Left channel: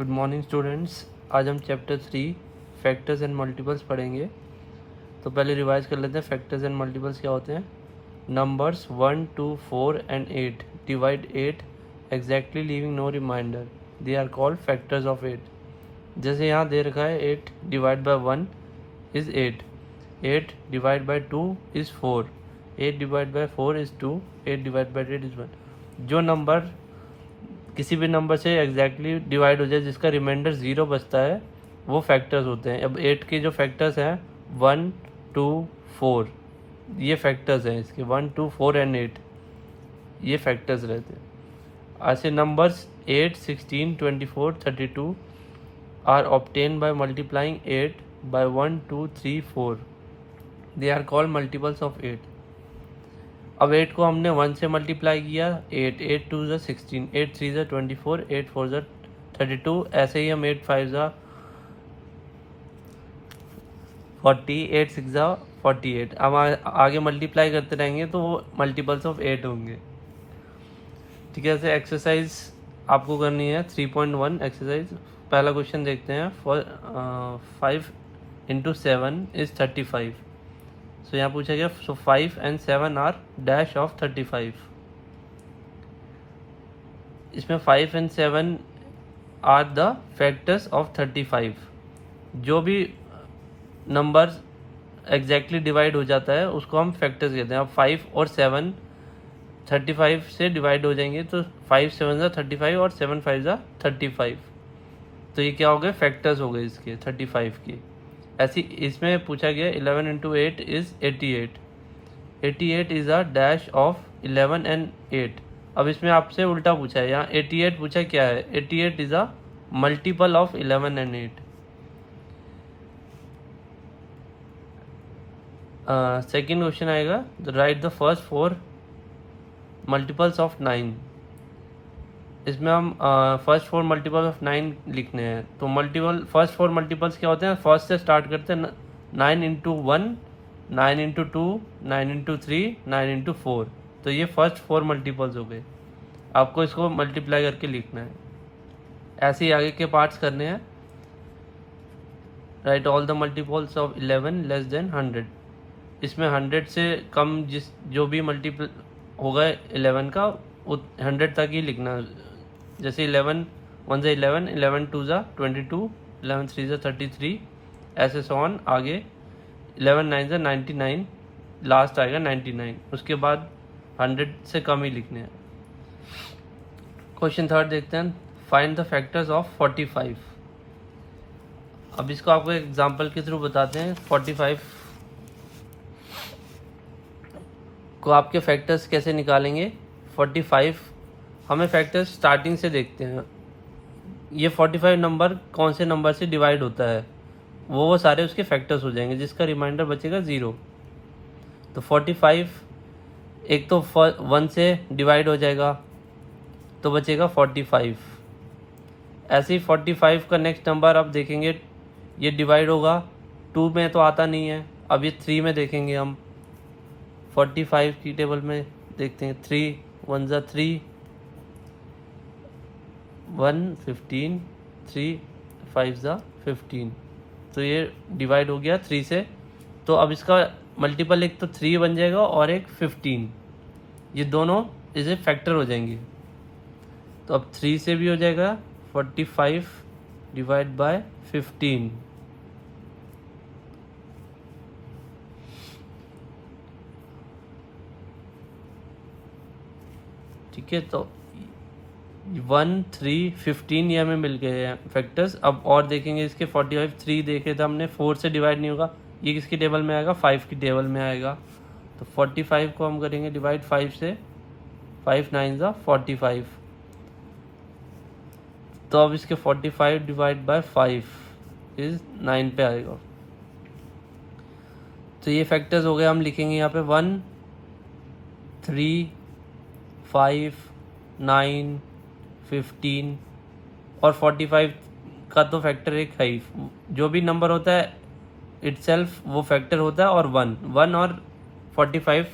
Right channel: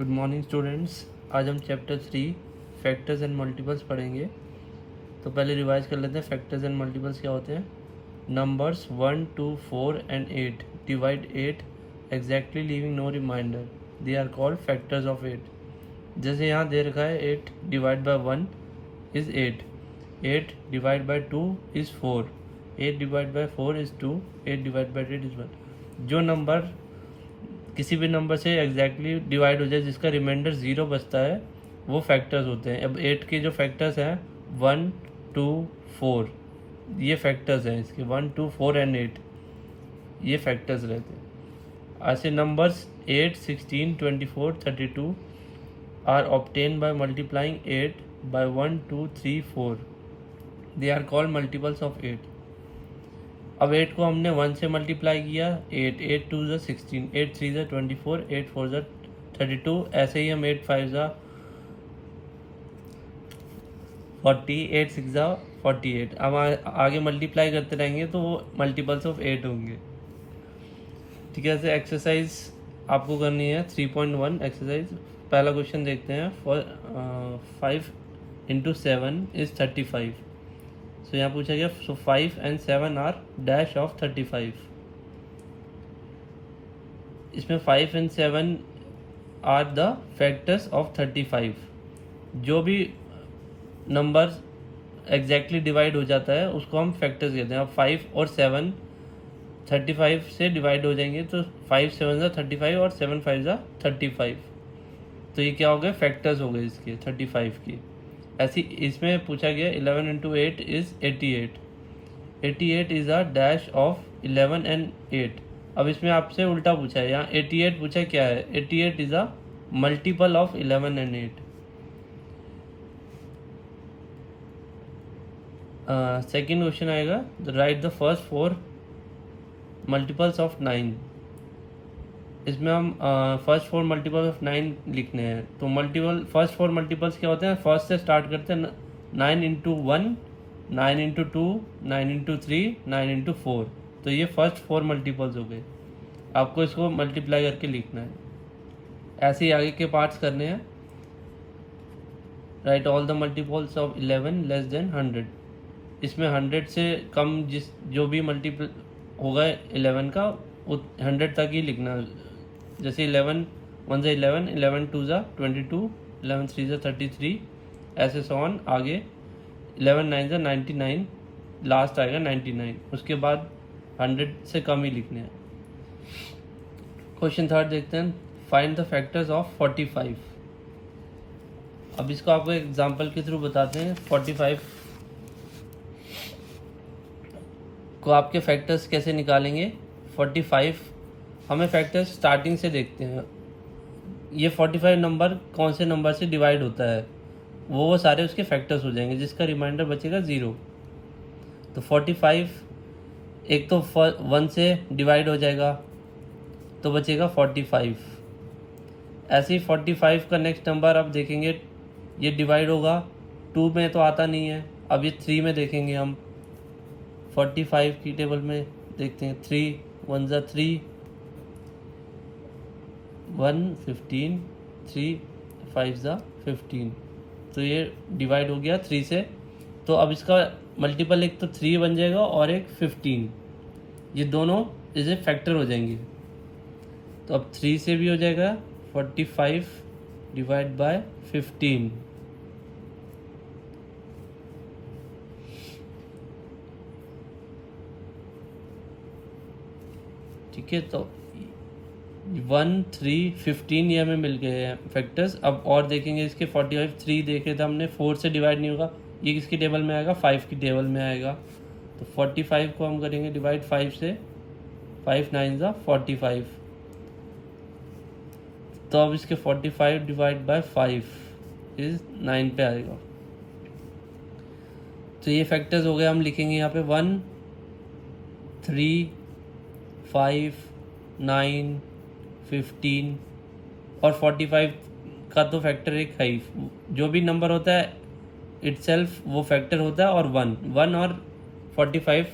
Good morning students. आज हम chapter 3 factors and multiples पढ़ेंगे। तो पहले रिवाइज कर लेते हैं फैक्टर्स एंड मल्टीपल्स क्या होते हैं। Numbers 1, 2, 4 and 8 divide 8 exactly leaving no remainder, they are called factors of 8। जैसे यहाँ दे रखा है 8 divide by 1 is 8, 8 divide by 2 is 4, 8 divide by 4 is 2, 8 divide by 8 is 1। जो नंबर किसी भी नंबर से एग्जैक्टली डिवाइड हो जाए जिसका रिमाइंडर 0 बचता है वो फैक्टर्स होते हैं। अब 8 के जो फैक्टर्स हैं 1, 2, 4 ये फैक्टर्स हैं इसके, 1, 2, 4 एंड 8 ये फैक्टर्स रहते हैं। ऐसे numbers 8, 16, 24, 32 are obtain by multiplying 8 by 1, 2, 3, 4, they are called multiples of 8। अब 8 को हमने 1 से मल्टीप्लाई किया, 8, 8 2 ज़ा 16, 8 3 ज़ा 24, 8 4 ज़ा 32। ऐसे ही हम 8 5 ज़ा 40, 8 6 ज़ा 48। अब आगे मल्टीप्लाई करते रहेंगे तो वो मल्टीपल्स ऑफ 8 होंगे। ठीक है, ऐसे एक्सरसाइज आपको करनी है 3.1 एक्सरसाइज। पहला क्वेश्चन देखते हैं। 5 इंटू 7 इज़ 35। सो यहाँ पूछा गया so 5 and 7 are dash of 35। इसमें 5 and 7 are the factors of 35। जो भी नंबर एग्जैक्टली डिवाइड हो जाता है उसको हम फैक्टर्स कहते हैं। अब 5 और 7 35 से डिवाइड हो जाएंगे तो 5 7 ज़ा 35 और 7 5 ज़ा 35। तो ये क्या हो गए, फैक्टर्स हो गए इसके 35 की। ऐसी इसमें पूछा गया 11 into 8 is 88, 88 is a dash of 11 and 8। अब इसमें आपसे उल्टा पूछा है, यहाँ 88 पूछा क्या है, 88 is a multiple of 11 and 8। Second question आएगा, write the first 4 multiples of 9। इसमें हम फर्स्ट 4 मल्टीपल ऑफ 9 लिखने हैं। तो फर्स्ट 4 मल्टीपल्स क्या होते हैं, फर्स्ट से स्टार्ट करते हैं। 9 इंटू 1, 9 इंटू 2, 9 इंटू 3, 9 इंटू 4। तो ये फर्स्ट 4 मल्टीपल्स हो गए। आपको इसको मल्टीप्लाई करके लिखना है। ऐसे ही आगे के पार्ट्स करने हैं। Right all the multiples of 11 less than 100। इसमें 100 से कम जो भी मल्टीपल होगा 11 का 100 तक ही लिखना है। जैसे 11 1 ज़ा 11, 11 2 ज़ा 22, 11 3 ज़ा 33, ऐसे सॉन आगे 11 9 ज़ा 99, लास्ट आएगा 99। उसके बाद 100 से कम ही लिखने हैं। क्वेश्चन थर्ड देखते हैं, फाइंड द फैक्टर्स ऑफ 45। अब इसको आपको एग्जांपल के थ्रू बताते हैं। 45 को आपके फैक्टर्स कैसे निकालेंगे। 45 हमें फैक्टर्स स्टार्टिंग से देखते हैं। ये 45 नंबर कौन से नंबर से डिवाइड होता है वो सारे उसके फैक्टर्स हो जाएंगे जिसका रिमाइंडर बचेगा 0। तो 45 एक तो 1 से डिवाइड हो जाएगा तो बचेगा 45। ऐसे ही 45 का नेक्स्ट नंबर आप देखेंगे ये डिवाइड होगा 2 में तो आता नहीं है। अब ये 3 में देखेंगे हम 45 की टेबल में देखते हैं। 3 1 ज़ा 3, 1 15, 3 5 ज़ा 15। तो ये डिवाइड हो गया 3 से। तो अब इसका मल्टीपल एक तो 3 बन जाएगा और एक 15, ये दोनों इसे फैक्टर हो जाएंगे। तो अब 3 से भी हो जाएगा 45 डिवाइड बाय 15। ठीक है, तो 1 3 15 ये हमें मिल गए हैं फैक्टर्स। अब और देखेंगे इसके 45 3 देखे तो हमने 4 से डिवाइड नहीं होगा, ये किसकी टेबल में आएगा, 5 की टेबल में आएगा। तो 45 को हम करेंगे डिवाइड 5 से, 5 9 ज़ा 45। तो अब इसके 45 डिवाइड बाय 5 इज 9 पे आएगा। तो ये फैक्टर्स हो गए। हम लिखेंगे यहाँ पे 1 3 5 9 15 और 45 का तो फैक्टर एक है ही। जो भी नंबर होता है इटसेल्फ वो फैक्टर होता है। और 1 और 45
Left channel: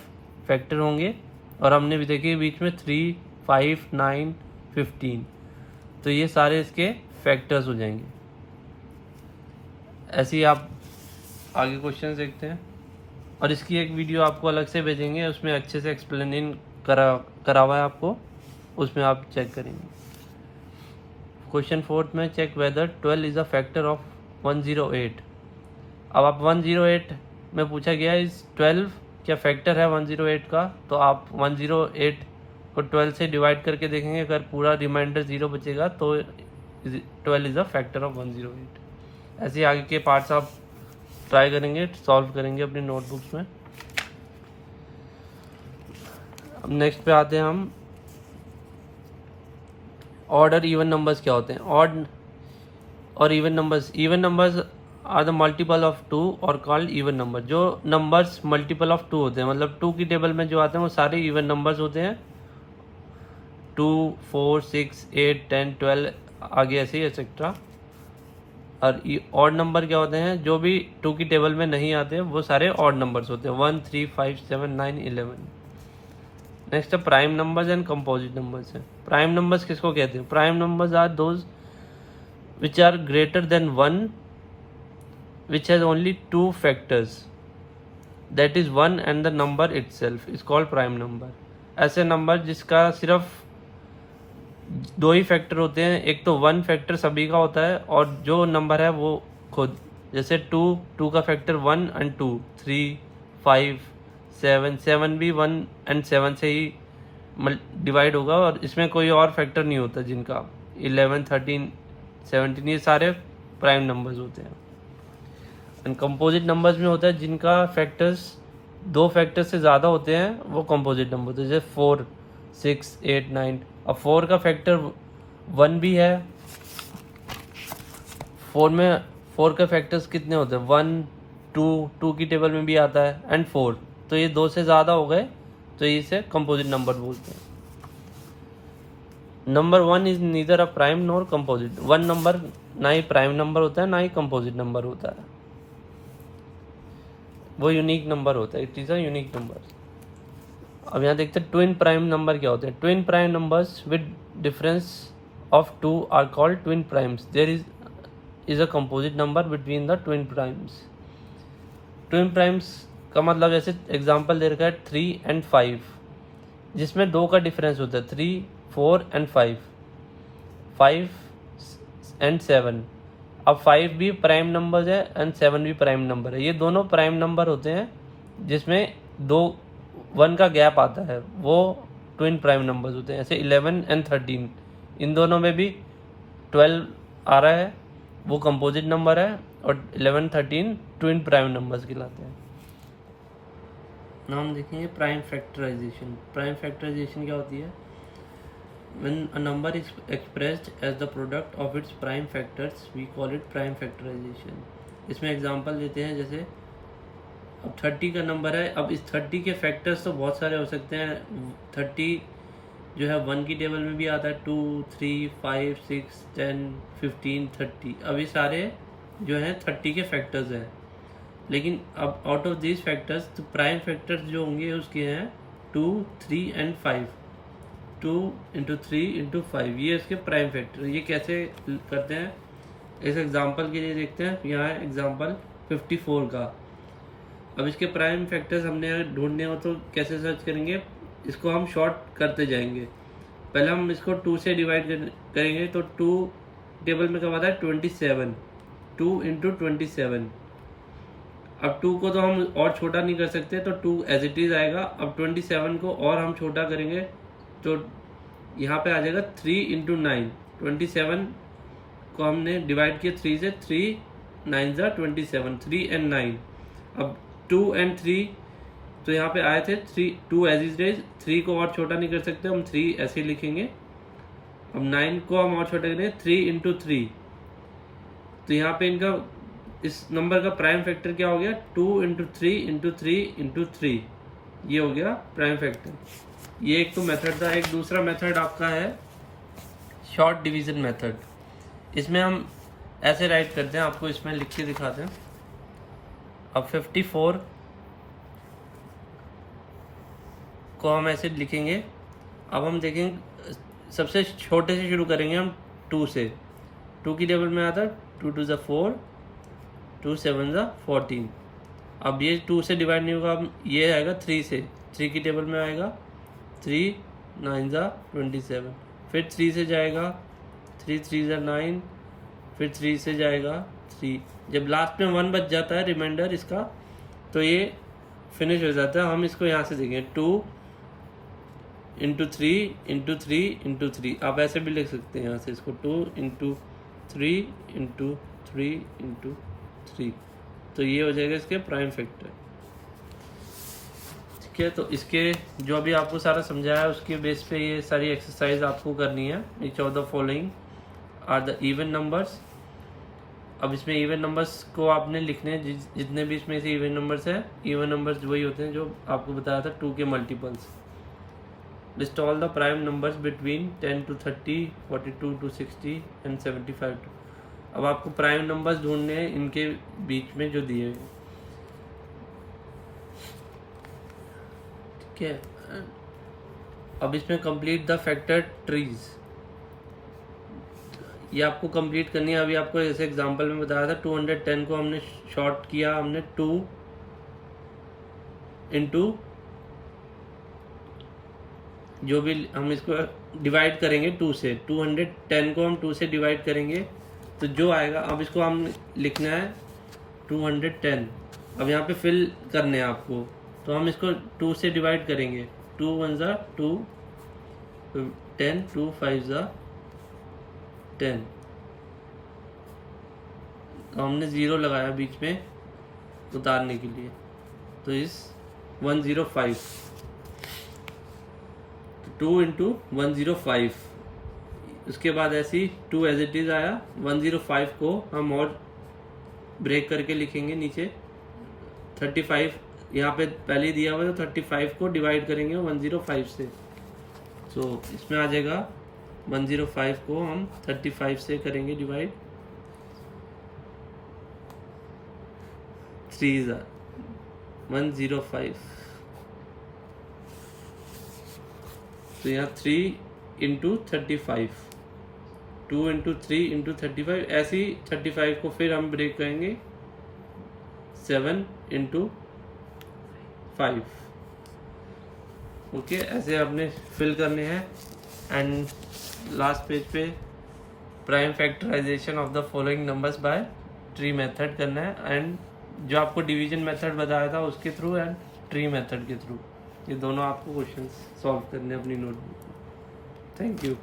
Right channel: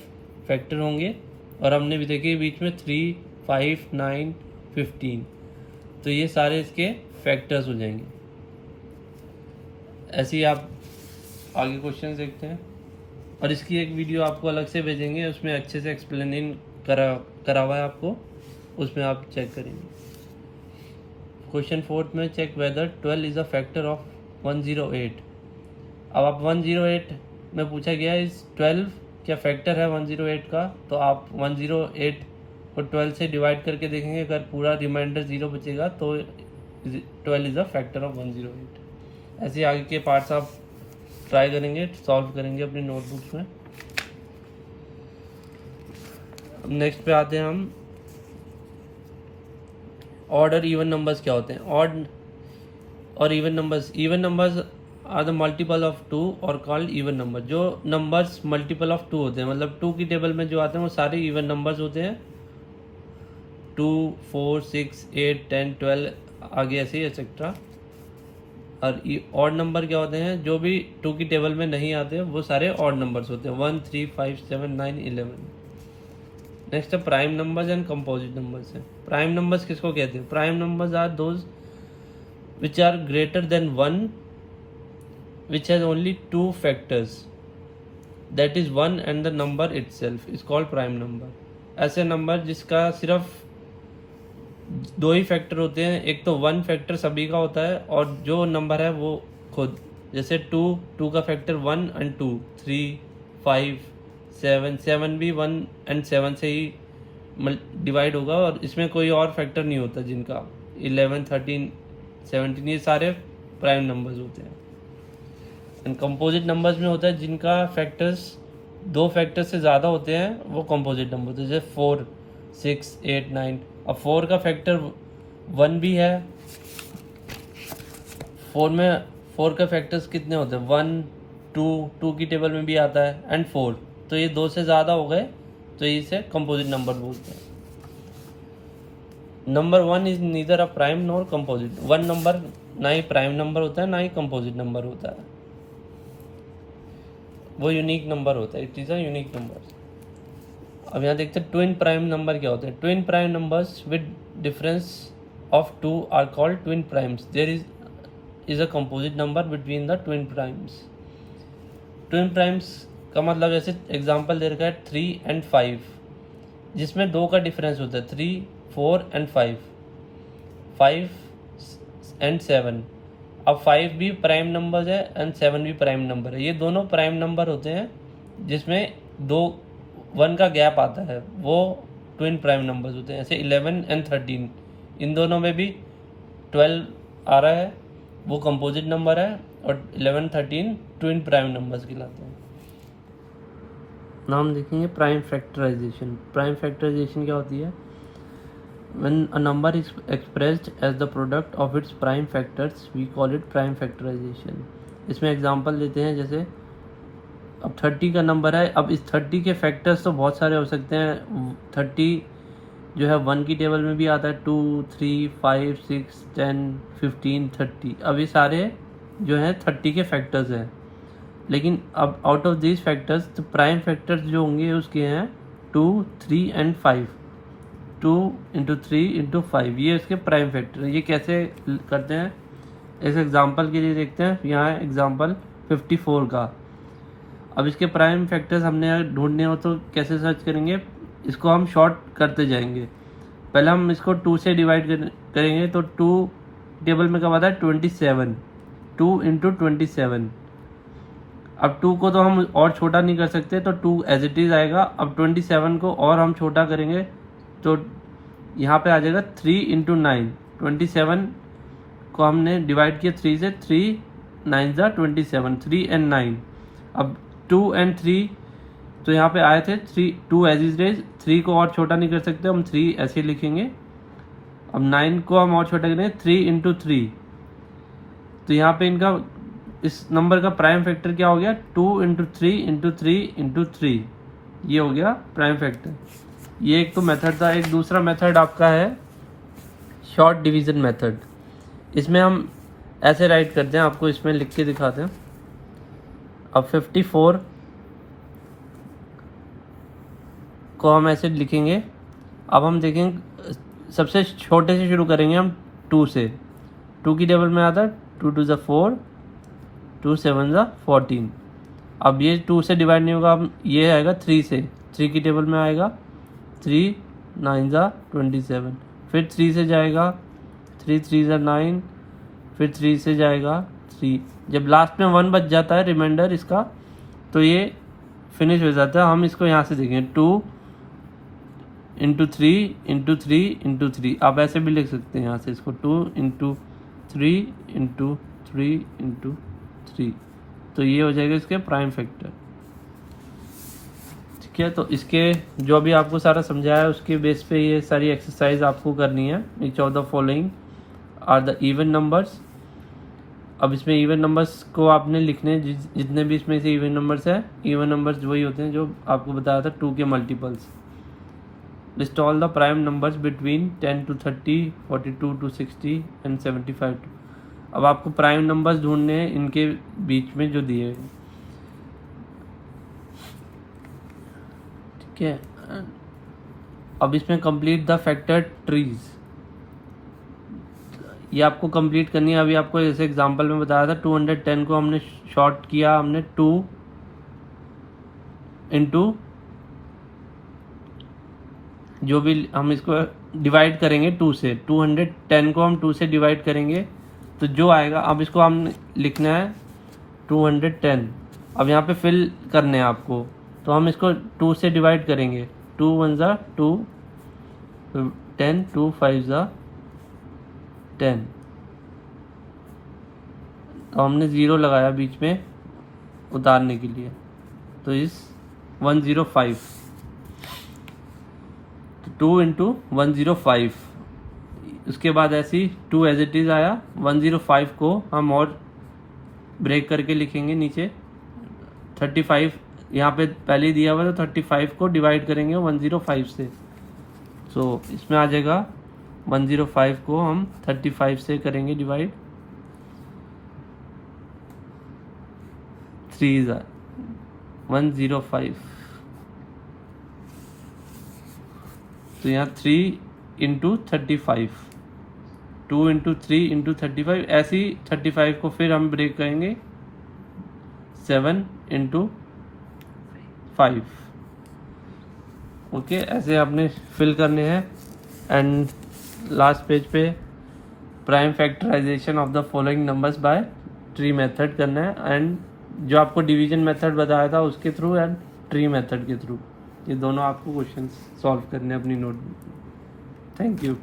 फैक्टर होंगे। और हमने भी देखे बीच में 3 5 9 15। तो ये सारे इसके फैक्टर्स हो जाएंगे। ऐसे ही आप आगे क्वेश्चन देखते हैं, और इसकी एक वीडियो आपको अलग से भेजेंगे, उसमें अच्छे से एक्सप्लेन करा हुआ है आपको, उसमें आप चेक करेंगे। क्वेश्चन 4 में check whether 12 is a factor of 108। अब आप 108 में पूछा गया इस 12 क्या फैक्टर है 108 का, तो आप 108 को 12 से डिवाइड करके देखेंगे, अगर पूरा रिमाइंडर 0 बचेगा तो 12 इज अ फैक्टर ऑफ 108। ऐसे आगे के पार्ट्स आप ट्राई करेंगे, सॉल्व करेंगे अपनी नोटबुक्स में। अब नेक्स्ट पे आते हैं हम, ऑड और इवन नंबर्स क्या होते हैं। ऑड और even numbers are the multiple of 2 और कॉल्ड इवन नंबर। जो नंबर्स मल्टीपल ऑफ 2 होते हैं, मतलब 2 की टेबल में जो आते हैं वो सारे इवन नंबर्स होते हैं। 2, 4, 6, 8, 10, 12 आगे ऐसे ही एक्सेट्रा। और ऑड नंबर क्या होते हैं, जो भी 2 की टेबल में नहीं आते वो सारे ऑड नंबर्स होते हैं, 1, 3, 5, 7, 9, 11। नेक्स्ट है prime numbers and composite numbers है। प्राइम नंबर्स किसको कहते हैं? Prime numbers are those which are greater than 1 which has only 2 factors, that is 1 and the number itself is called prime number। ऐसे number जिसका सिर्फ 2 ही factor होते हैं, एक तो 1 फैक्टर सभी का होता है और जो नंबर है वो खुद, जैसे 2 का फैक्टर 1 and 2, 3, 5, 7 भी 1 and 7 से ही डिवाइड होगा, और इसमें कोई और फैक्टर नहीं होता जिनका 11, 13, 17 ये सारे प्राइम नंबर्स होते हैं। एंड कंपोजिट नंबर्स में होता है जिनका फैक्टर्स 2 फैक्टर्स से ज़्यादा होते हैं, वो कंपोजिट नंबर होते हैं, जैसे 4, 6, 8, 9। अब 4 का फैक्टर 1 भी है। 4 का फैक्टर्स कितने होते हैं? 1, 2 की टेबल में भी आता है, एंड 4, तो ये 2 से ज़्यादा हो गए, तो इसे कंपोजिट नंबर बोलते हैं। Number 1 is neither a prime nor composite. 1 number ना ही प्राइम नंबर होता है ना ही कंपोजिट नंबर होता है, वो यूनिक नंबर होता है, it is a unique number. अब यहाँ देखते हैं ट्विन प्राइम नंबर क्या होते हैं। Twin prime numbers with difference of 2 are called twin primes. There is a composite number between the twin primes. Twin primes का मतलब ऐसे एग्जांपल दे रखा है 3 and 5, जिसमें 2 का डिफरेंस होता है, 3, 4 and 5, 5 and 7। अब 5 भी प्राइम नंबर है एंड 7 भी प्राइम नंबर है। ये दोनों प्राइम नंबर होते हैं जिसमें 1 का गैप आता है, वो ट्विन प्राइम नंबर्स होते हैं। ऐसे 11 and 13, इन दोनों में भी 12 आ रहा है, वो कंपोजिट नंबर है, और 11, 13 ट्विन प्राइम नंबर्स कहलाते हैं। नाम देखेंगे प्राइम फैक्टराइजेशन। प्राइम फैक्टराइजेशन क्या होती है? When a number is expressed as the product of its prime factors, we call it prime factorization। इसमें एग्जांपल देते हैं, जैसे अब 30 का नंबर है, अब इस 30 के फैक्टर्स तो बहुत सारे हो सकते हैं। 30 जो है 1 की टेबल में भी आता है, 2, 3, 5, 6, 10, 15, 30। अब ये सारे जो है 30 के फैक्टर्स हैं, लेकिन अब आउट ऑफ दिस फैक्टर्स तो प्राइम फैक्टर्स जो होंगे उसके हैं 2, 3 and 5। 2 into 3 into 5 ये इसके प्राइम फैक्टर है। ये कैसे करते हैं, इस एग्जांपल के लिए देखते हैं। यहाँ है एग्जांपल 54 का। अब इसके प्राइम फैक्टर्स हमने ढूंढने हो तो कैसे सर्च करेंगे? इसको हम शॉर्ट करते जाएंगे। पहले हम इसको 2 से डिवाइड करेंगे, तो 2 टेबल में कब आता है? 27, 2 into 27। अब 2 को तो हम और छोटा नहीं कर सकते, तो 2 एज इट इज आएगा। अब 27 को और हम छोटा करेंगे तो यहाँ पे आ जाएगा 3 into 9। 27 को हमने डिवाइड किया 3 से, 3 9 27, 3 and 9। अब 2 and 3 तो यहाँ पे आए थे 3, 2 एज इज रेज, 3 को और छोटा नहीं कर सकते, हम 3 ऐसे लिखेंगे। अब 9 को हम और छोटा करेंगे 3 into 3, तो यहाँ पे इनका इस नंबर का प्राइम फैक्टर क्या हो गया? 2 into 3 into 3 into 3, ये हो गया प्राइम फैक्टर। ये एक तो मेथड था। एक दूसरा मेथड आपका है शॉर्ट डिवीजन मेथड। इसमें हम ऐसे राइट करते हैं, आपको इसमें लिख के दिखाते हैं। अब 54 को हम ऐसे लिखेंगे। अब हम देखेंगे सबसे छोटे से शुरू करेंगे हम 2 से। 2 की टेबल में आता है 2 2 ज़ा 4, 2 7 ज़ा 14। अब ये 2 से डिवाइड नहीं होगा, अब ये आएगा 3 से, 3 की टेबल में आएगा 3 9 ज़ा 27, फिर 3 से जाएगा 3 3 ज़ा 9, फिर 3 से जाएगा 3। जब लास्ट में 1 बच जाता है रिमाइंडर इसका, तो ये फिनिश हो जाता है। हम इसको यहाँ से देखें 2 इंटू 3 इंटू 3 इंटू 3, आप ऐसे भी लिख सकते हैं यहाँ से इसको 2 इंटू 3 इंटू 3 इंटू 3, तो ये हो जाएगा इसके प्राइम फैक्टर। ठीक है, तो इसके जो अभी आपको सारा समझाया है उसके बेस पे ये सारी एक्सरसाइज आपको करनी है। Each of the following are the even numbers. अब इसमें इवन नंबर्स को आपने लिखने, जितने भी इसमें से इवन नंबर्स है, इवन नंबर्स वही होते हैं जो आपको बताया था 2 के multiples. List all the prime numbers between 10 to 30, 42 to 60 and 75 to। अब आपको प्राइम नंबर्स ढूंढने हैं इनके बीच में जो दिए हैं। ठीक है, अब इसमें कंप्लीट द फैक्टर ट्रीज, ये आपको कंप्लीट करनी है। अभी आपको जैसे एग्जांपल में बताया था 210 को हमने शॉर्ट किया, हमने 2 इंटू जो भी हम इसको डिवाइड करेंगे 2 से, 210 को हम 2 से डिवाइड करेंगे तो जो आएगा, अब इसको हम लिखना है 210। अब यहाँ पे फिल करने हैं आपको, तो हम इसको 2 से डिवाइड करेंगे, 2 1 ज़ा 2, 10, 2 5 ज़ा 10, तो हमने 0 लगाया बीच में उतारने के लिए, तो इस 105, 2 इंटू 105। उसके बाद ऐसी 2 एज इट इज़ आया, 105 को हम और ब्रेक करके लिखेंगे नीचे 35, यहाँ पे पहले ही दिया हुआ तो 35 को डिवाइड करेंगे 105 से, तो इसमें आ जाएगा 105 को हम 35 से करेंगे डिवाइड, 3 105, तो यहाँ 3 इंटू 35, 2 इंटू 3 इंटू 35, ऐसे ही 35 को फिर हम ब्रेक करेंगे 7 इंटू 5। ओके, ऐसे आपने फिल करने हैं। एंड लास्ट पेज पे prime factorisation of the following numbers by tree method करना है, एंड जो आपको डिवीजन मेथड बताया था उसके थ्रू एंड ट्री मेथड के थ्रू, ये दोनों आपको क्वेश्चंस सॉल्व करने हैं अपनी नोटबुक। Thank you.